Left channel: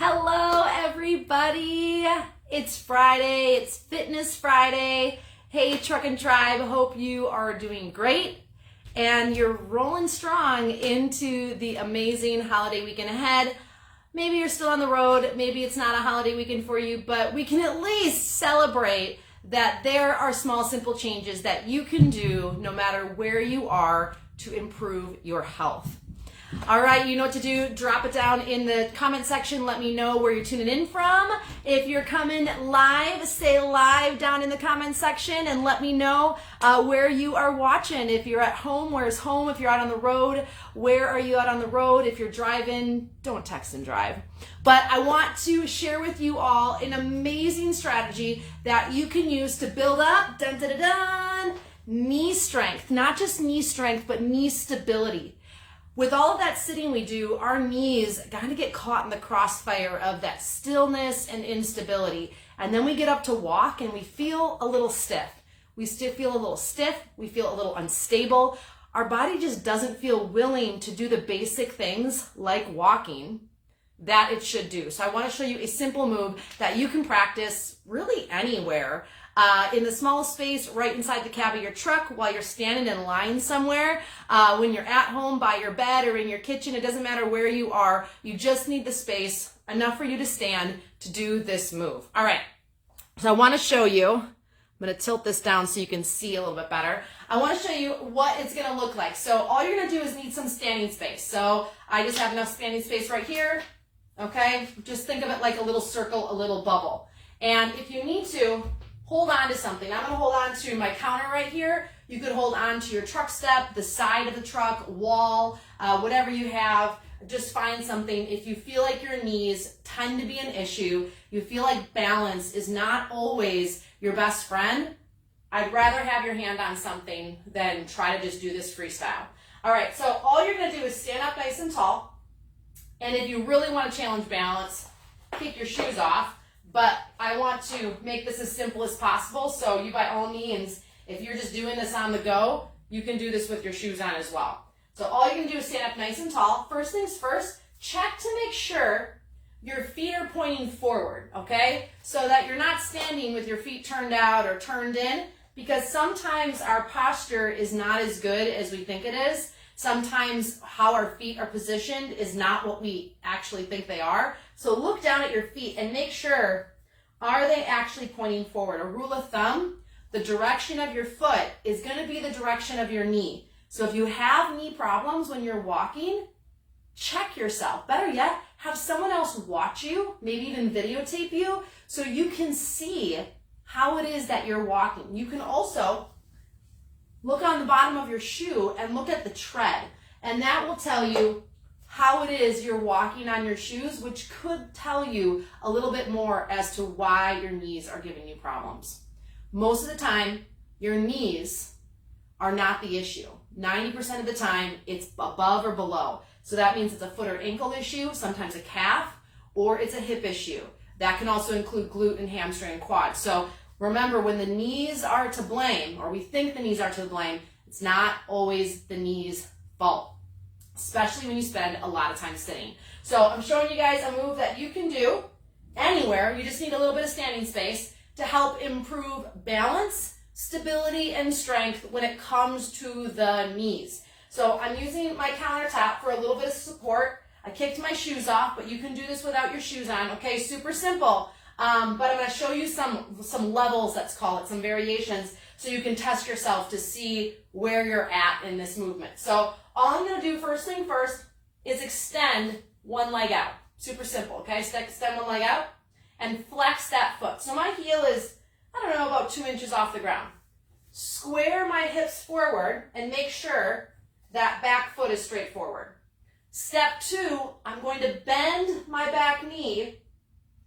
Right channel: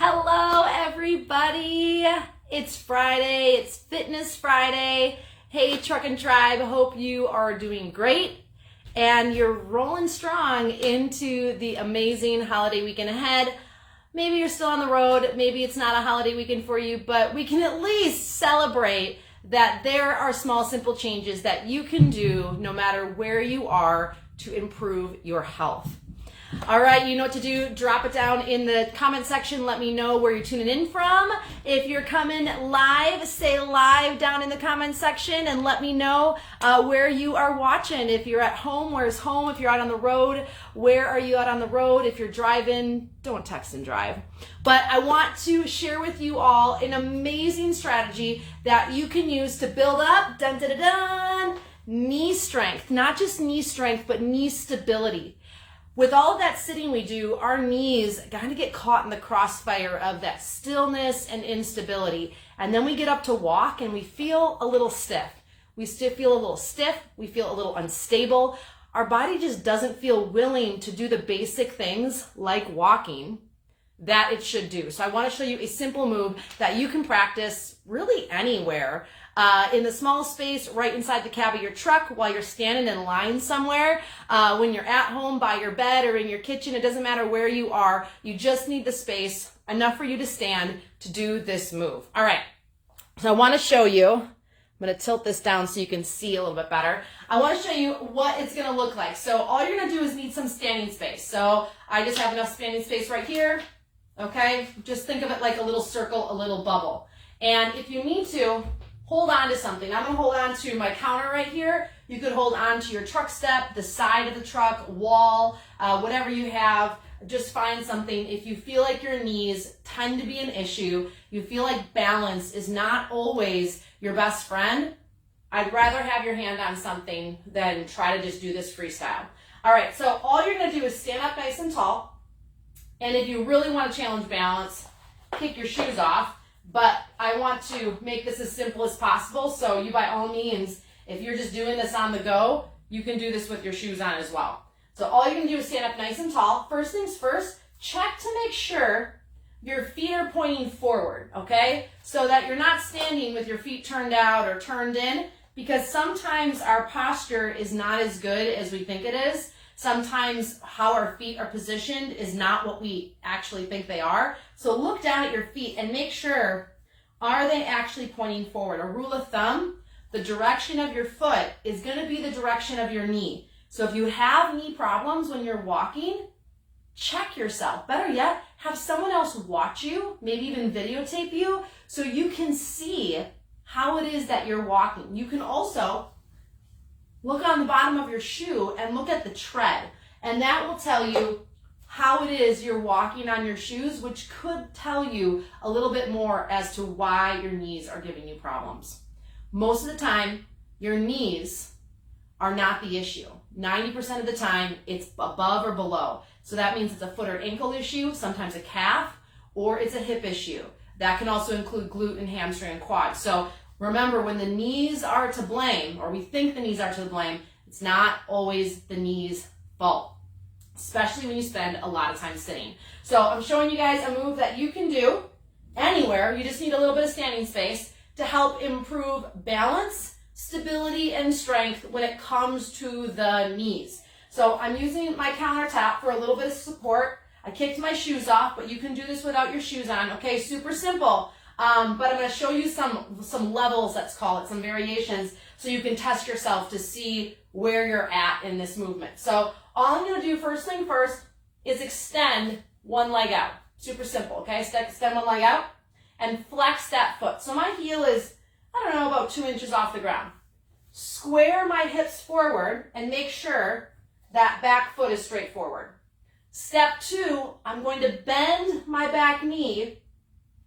Hello, everybody. It's Friday. It's Fitness Friday. Hey, Truck and Tribe. Hope you are doing great and you're rolling strong into the amazing holiday weekend ahead. Maybe you're still on the road. Maybe it's not a holiday weekend for you, but we can at least celebrate that there are small, simple changes that you can do no matter where you are to improve your health. All right, you know what to do. Drop it down in the comment section. Let me know where you're tuning in from. If you're coming live, say live down in the comment section and let me know where you are watching. If you're at home, where's home? If you're out on the road, where are you out on the road? If you're driving, don't text and drive. But I want to share with you all an amazing strategy that you can use to build up, dun, dun, dun, dun, knee strength. Not just knee strength, but knee stability. With all of that sitting we do, our knees kind of get caught in the crossfire of that stillness and instability. And then we get up to walk and we feel a little stiff. We still feel a little stiff. We feel a little unstable. Our body just doesn't feel willing to do the basic things like walking that it should do. So I want to show you a simple move that you can practice really anywhere. In the smallest space, right inside the cab of your truck, while you're standing in line somewhere, when you're at home, by your bed, or in your kitchen, it doesn't matter where you are, you just need the space, enough for you to stand to do this move. All right, so I want to show you, I'm going to tilt this down so you can see a little bit better. I want to show you what it's going to look like. So all you're going to do is need some standing space. So I just have enough standing space right here, okay? Just think of it like a little circle, a little bubble. And if you need to, hold on to something. I'm going to hold on to my counter right here. You could hold on to your truck step, the side of the truck, wall, whatever you have. Just find something. If you feel like your knees tend to be an issue, you feel like balance is not always your best friend, I'd rather have your hand on something than try to just do this freestyle. All right, so all you're going to do is stand up nice and tall. And if you really want to challenge balance, kick your shoes off. But I want to make this as simple as possible, so you by all means, if you're just doing this on the go, you can do this with your shoes on as well. So all you're gonna do is stand up nice and tall. First things first, check to make sure your feet are pointing forward, okay? So that you're not standing with your feet turned out or turned in, because sometimes our posture is not as good as we think it is. Sometimes how our feet are positioned is not what we actually think they are. So look down at your feet and make sure, are they actually pointing forward? A rule of thumb, the direction of your foot is going to be the direction of your knee. So if you have knee problems when you're walking, check yourself. Better yet, have someone else watch you, maybe even videotape you, so you can see how it is that you're walking. You can also look on the bottom of your shoe and look at the tread, and that will tell you how it is you're walking on your shoes, which could tell you a little bit more as to why your knees are giving you problems. Most of the time, your knees are not the issue. 90% of the time, it's above or below. So that means it's a foot or ankle issue, sometimes a calf, or it's a hip issue. That can also include glute and hamstring and quad. So remember, when the knees are to blame, or we think the knees are to blame, it's not always the knees' fault, especially when you spend a lot of time sitting. So I'm showing you guys a move that you can do anywhere. You just need a little bit of standing space to help improve balance, stability, and strength when it comes to the knees. So I'm using my countertop for a little bit of support. I kicked my shoes off, but you can do this without your shoes on, okay? Super simple. But I'm going to show you some levels, let's call it, some variations, so you can test yourself to see where you're at in this movement. So all I'm going to do first thing first is extend one leg out. Super simple, okay? Extend one leg out and flex that foot. So my heel is, I don't know, about 2 inches off the ground. Square my hips forward and make sure that back foot is straight forward. Step 2, I'm going to bend my back knee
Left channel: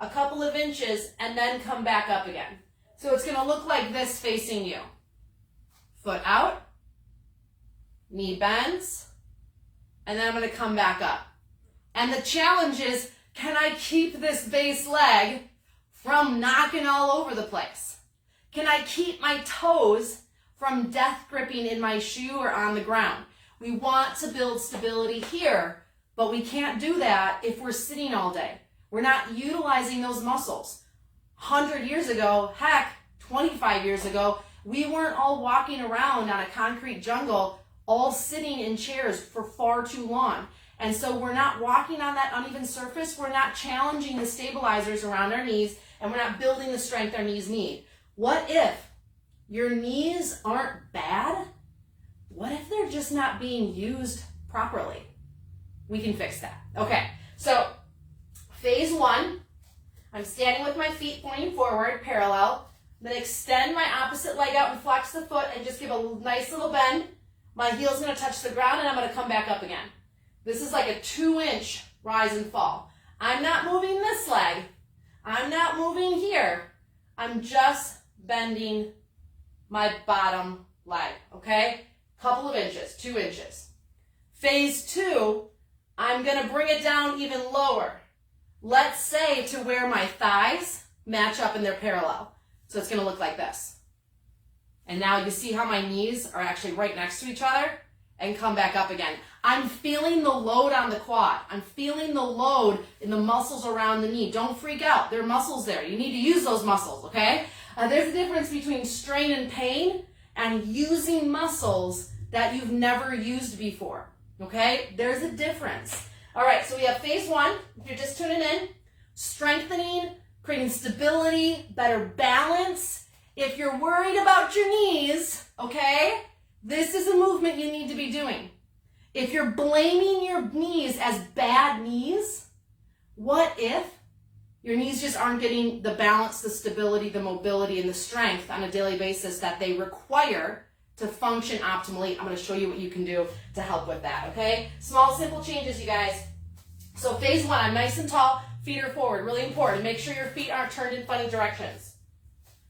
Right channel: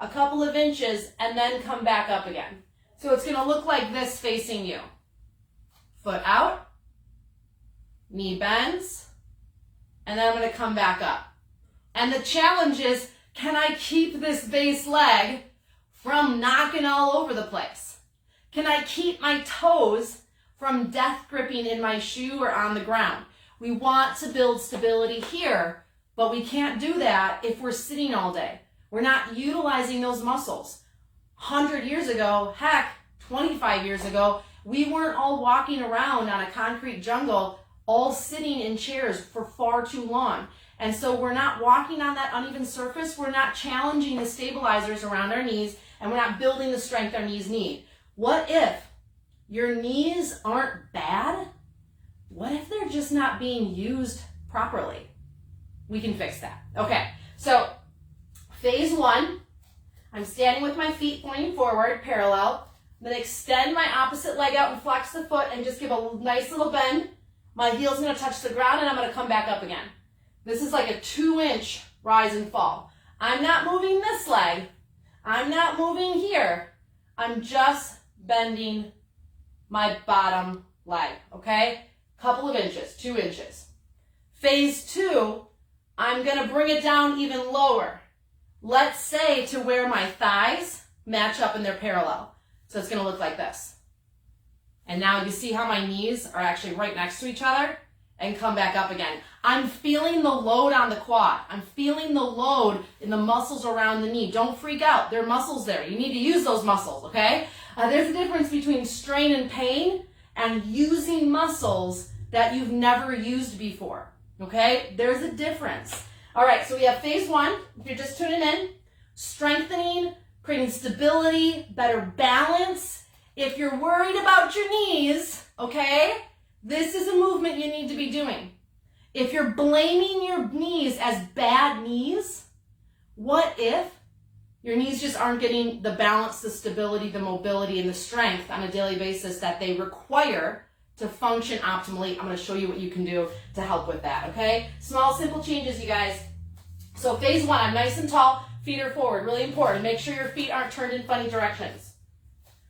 a couple of inches and then come back up again. So it's going to look like this facing you. Foot out, knee bends, and then I'm going to come back up. And the challenge is, can I keep this base leg from knocking all over the place? Can I keep my toes from death gripping in my shoe or on the ground? We want to build stability here, but we can't do that if we're sitting all day. We're not utilizing those muscles. 100 years ago, heck, 25 years ago, we weren't all walking around on a concrete jungle, all sitting in chairs for far too long. And so we're not walking on that uneven surface. We're not challenging the stabilizers around our knees, and we're not building the strength our knees need. What if your knees aren't bad? What if they're just not being used properly? We can fix that. Okay, so phase one, I'm standing with my feet pointing forward, parallel. I'm going to extend my opposite leg out and flex the foot and just give a nice little bend. My heel's going to touch the ground and I'm going to come back up again. This is like a 2-inch rise and fall. I'm not moving this leg. I'm not moving here. I'm just bending my bottom leg, okay? Couple of inches, 2 inches. Phase two, I'm going to bring it down even lower. Let's say to where my thighs match up and they're parallel. So it's going to look like this. And now you see how my knees are actually right next to each other and come back up again. I'm feeling the load on the quad. I'm feeling the load in the muscles around the knee. Don't freak out. There are muscles there. You need to use those muscles, okay? There's a difference between strain and pain and using muscles that you've never used before, okay? There's a difference. All right, so we have phase one. If you're just tuning in, strengthening, creating stability, better balance. If you're worried about your knees, okay, this is a movement you need to be doing. If you're blaming your knees as bad knees, what if your knees just aren't getting the balance, the stability, the mobility, and the strength on a daily basis that they require to function optimally? I'm going to show you what you can do to help with that, okay? Small, simple changes, you guys. So phase one, I'm nice and tall, feet are forward, really important. Make sure your feet aren't turned in funny directions.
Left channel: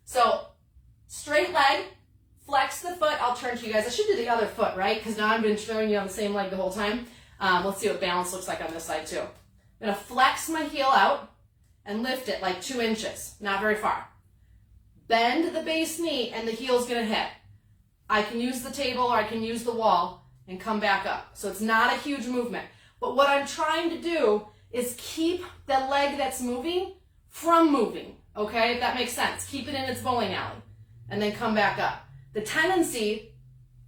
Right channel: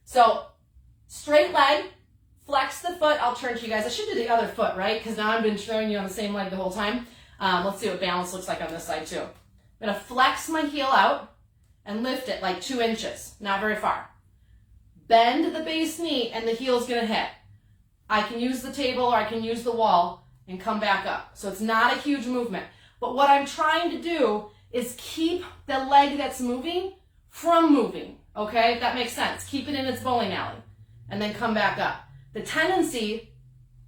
So straight leg, flex the foot. I'll turn to you guys. I should do the other foot, right? Because now I've been showing you on the same leg the whole time. Let's see what balance looks like on this side too. I'm going to flex my heel out and lift it like 2 inches, not very far. Bend the base knee and the heel's going to hit. I can use the table or I can use the wall and come back up. So it's not a huge movement. But what I'm trying to do is keep the leg that's moving from moving, okay? If that makes sense. Keep it in its bowling alley and then come back up. The tendency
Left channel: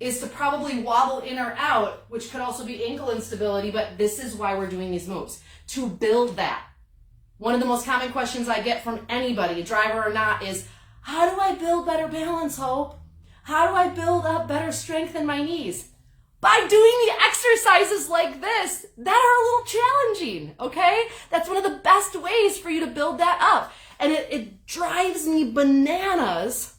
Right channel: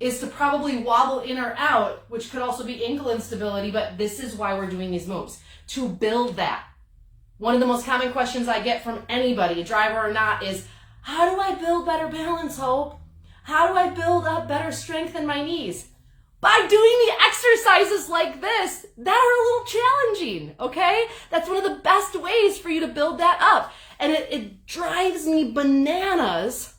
is to probably wobble in or out, which could also be ankle instability, but this is why we're doing these moves, to build that. One of the most common questions I get from anybody, driver or not, is, how do I build better balance, Hope? How do I build up better strength in my knees? By doing the exercises like this that are a little challenging, okay? That's one of the best ways for you to build that up. And it drives me bananas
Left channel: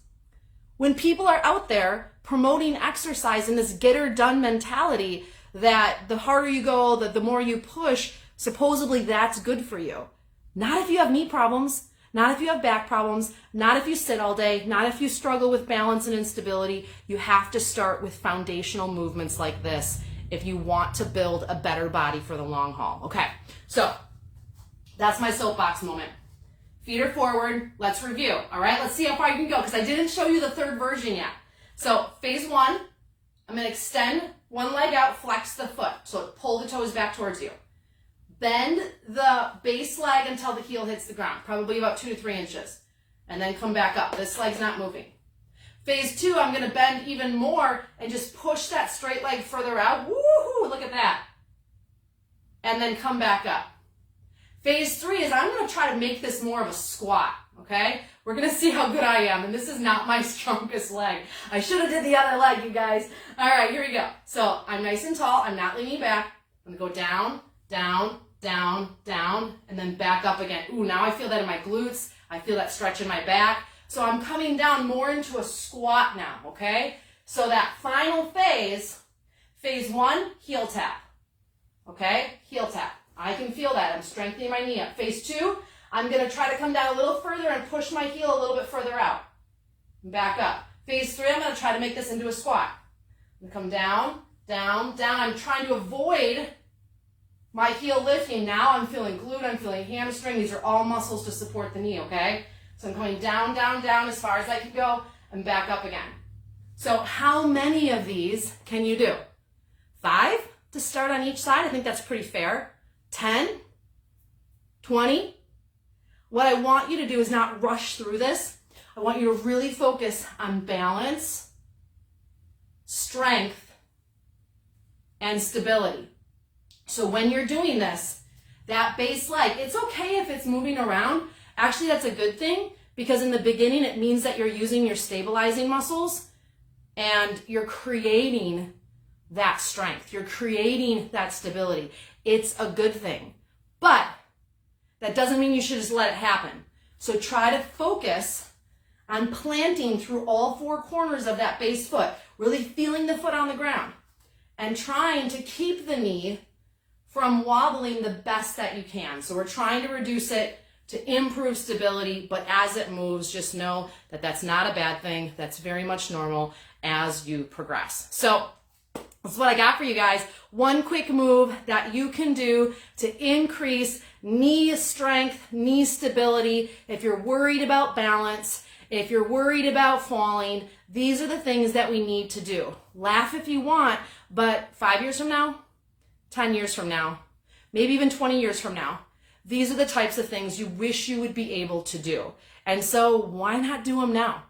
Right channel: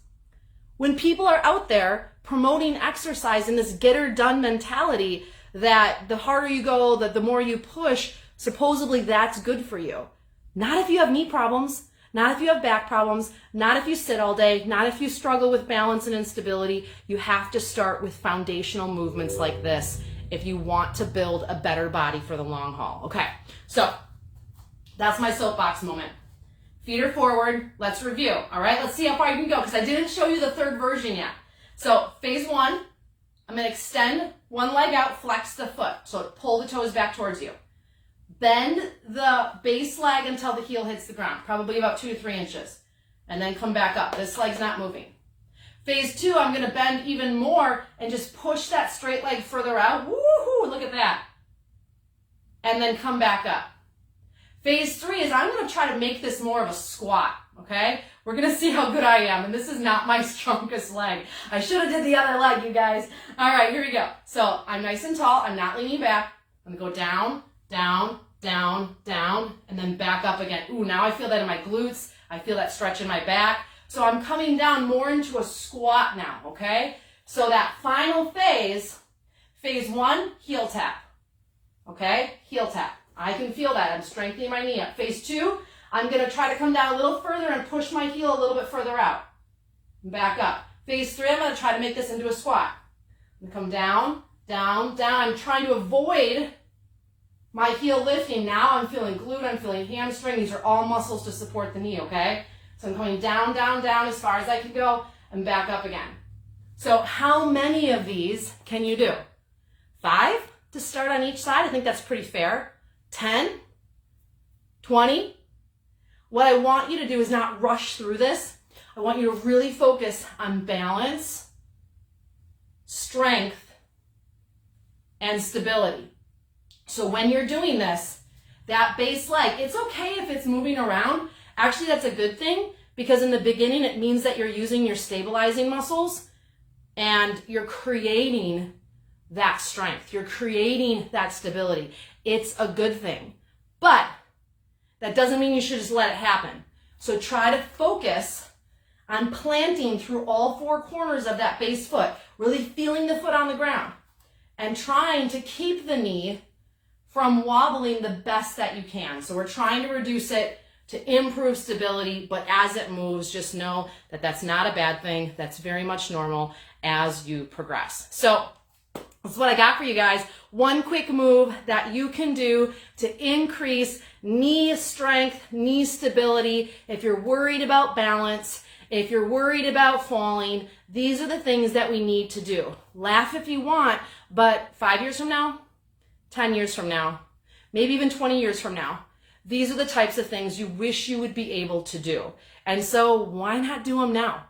when people are out there promoting exercise in this get-her-done mentality that the harder you go, the more you push, supposedly that's good for you. Not if you have knee problems, not if you have back problems, not if you sit all day, not if you struggle with balance and instability. You have to start with foundational movements like this if you want to build a better body for the long haul. Okay, so that's my soapbox moment. Feet are forward. Let's review. All right, let's see how far you can go because I didn't show you the third version yet. So phase one, I'm going to extend one leg out, flex the foot. So pull the toes back towards you. Bend the base leg until the heel hits the ground, probably about 2 to 3 inches, and then come back up. This leg's not moving. Phase two, I'm going to bend even more and just push that straight leg further out. Woohoo, look at that. And then come back up. Phase three is I'm going to try to make this more of a squat, okay? We're going to see how good I am, and this is not my strongest leg. I should have did the other leg, you guys. All right, here we go. So I'm nice and tall. I'm not leaning back. I'm going to go down, down, down, down, and then back up again. Ooh, now I feel that in my glutes. I feel that stretch in my back. So I'm coming down more into a squat now, okay? So that final phase, phase one, heel tap, okay? Heel tap. I can feel that. I'm strengthening my knee up. Phase two, I'm going to try to come down a little further and push my heel a little bit further out. Back up. Phase three, I'm going to try to make this into a squat. I'm going to come down, down, down. I'm trying to avoid my heel lifting. Now I'm feeling glute, I'm feeling hamstring. These are all muscles to support the knee, okay? So I'm coming down, down, down as far as I can go and back up again. So how many of these can you do? 5 to start on each side? I think that's pretty fair. 10, 20, what I want you to do is not rush through this. I want you to really focus on balance, strength, and stability. So when you're doing this, that base leg, it's okay if it's moving around. Actually, that's a good thing, because in the beginning, it means that you're using your stabilizing muscles and you're creating that strength. You're creating that stability. It's a good thing. But that doesn't mean you should just let it happen. So try to focus on planting through all four corners of that base foot, really feeling the foot on the ground and trying to keep the knee from wobbling the best that you can. So we're trying to reduce it to improve stability, but as it moves, just know that that's not a bad thing. That's very much normal as you progress. So that's what I got for you guys. One quick move that you can do to increase knee strength, knee stability. If you're worried about balance, if you're worried about falling, these are the things that we need to do. Laugh if you want, but 5 years from now, 10 years from now, maybe even 20 years from now, these are the types of things you wish you would be able to do. And so why not do them now?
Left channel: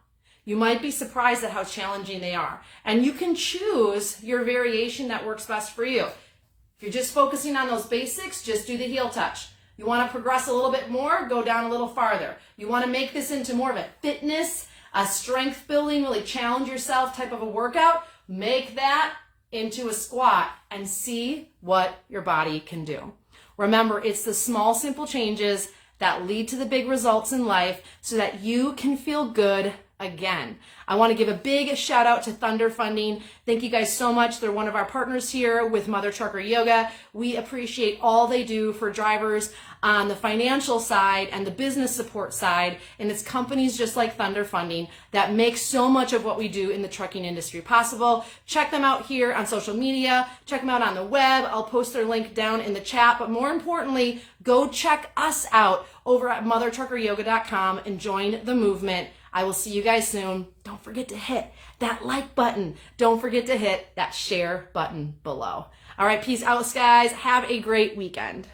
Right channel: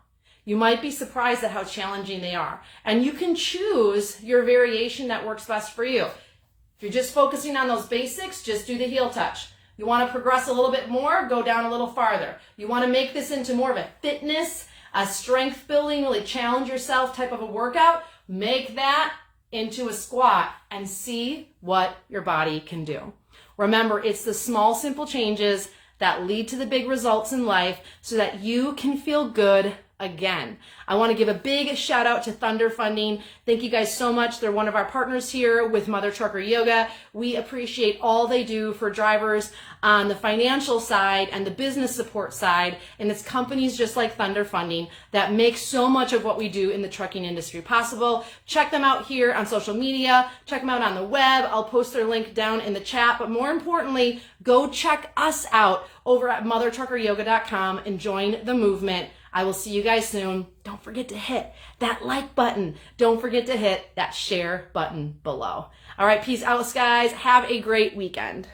You might be surprised at how challenging they are. And you can choose your variation that works best for you. If you're just focusing on those basics, just do the heel touch. You want to progress a little bit more, go down a little farther. You want to make this into more of a fitness, a strength building, really challenge yourself type of a workout, make that into a squat and see what your body can do. Remember, it's the small, simple changes that lead to the big results in life so that you can feel good again. I want to give a big shout out to Thunder Funding. Thank you guys so much. They're one of our partners here with Mother Trucker Yoga. We appreciate all they do for drivers on the financial side and the business support side. And it's companies just like Thunder Funding that make so much of what we do in the trucking industry possible. Check them out here on social media. Check them out on the web. I'll post their link down in the chat. But more importantly, go check us out over at mothertruckeryoga.com and join the movement. I will see you guys soon. Don't forget to hit that like button. Don't forget to hit that share button below. All right, peace out, guys. Have a great weekend.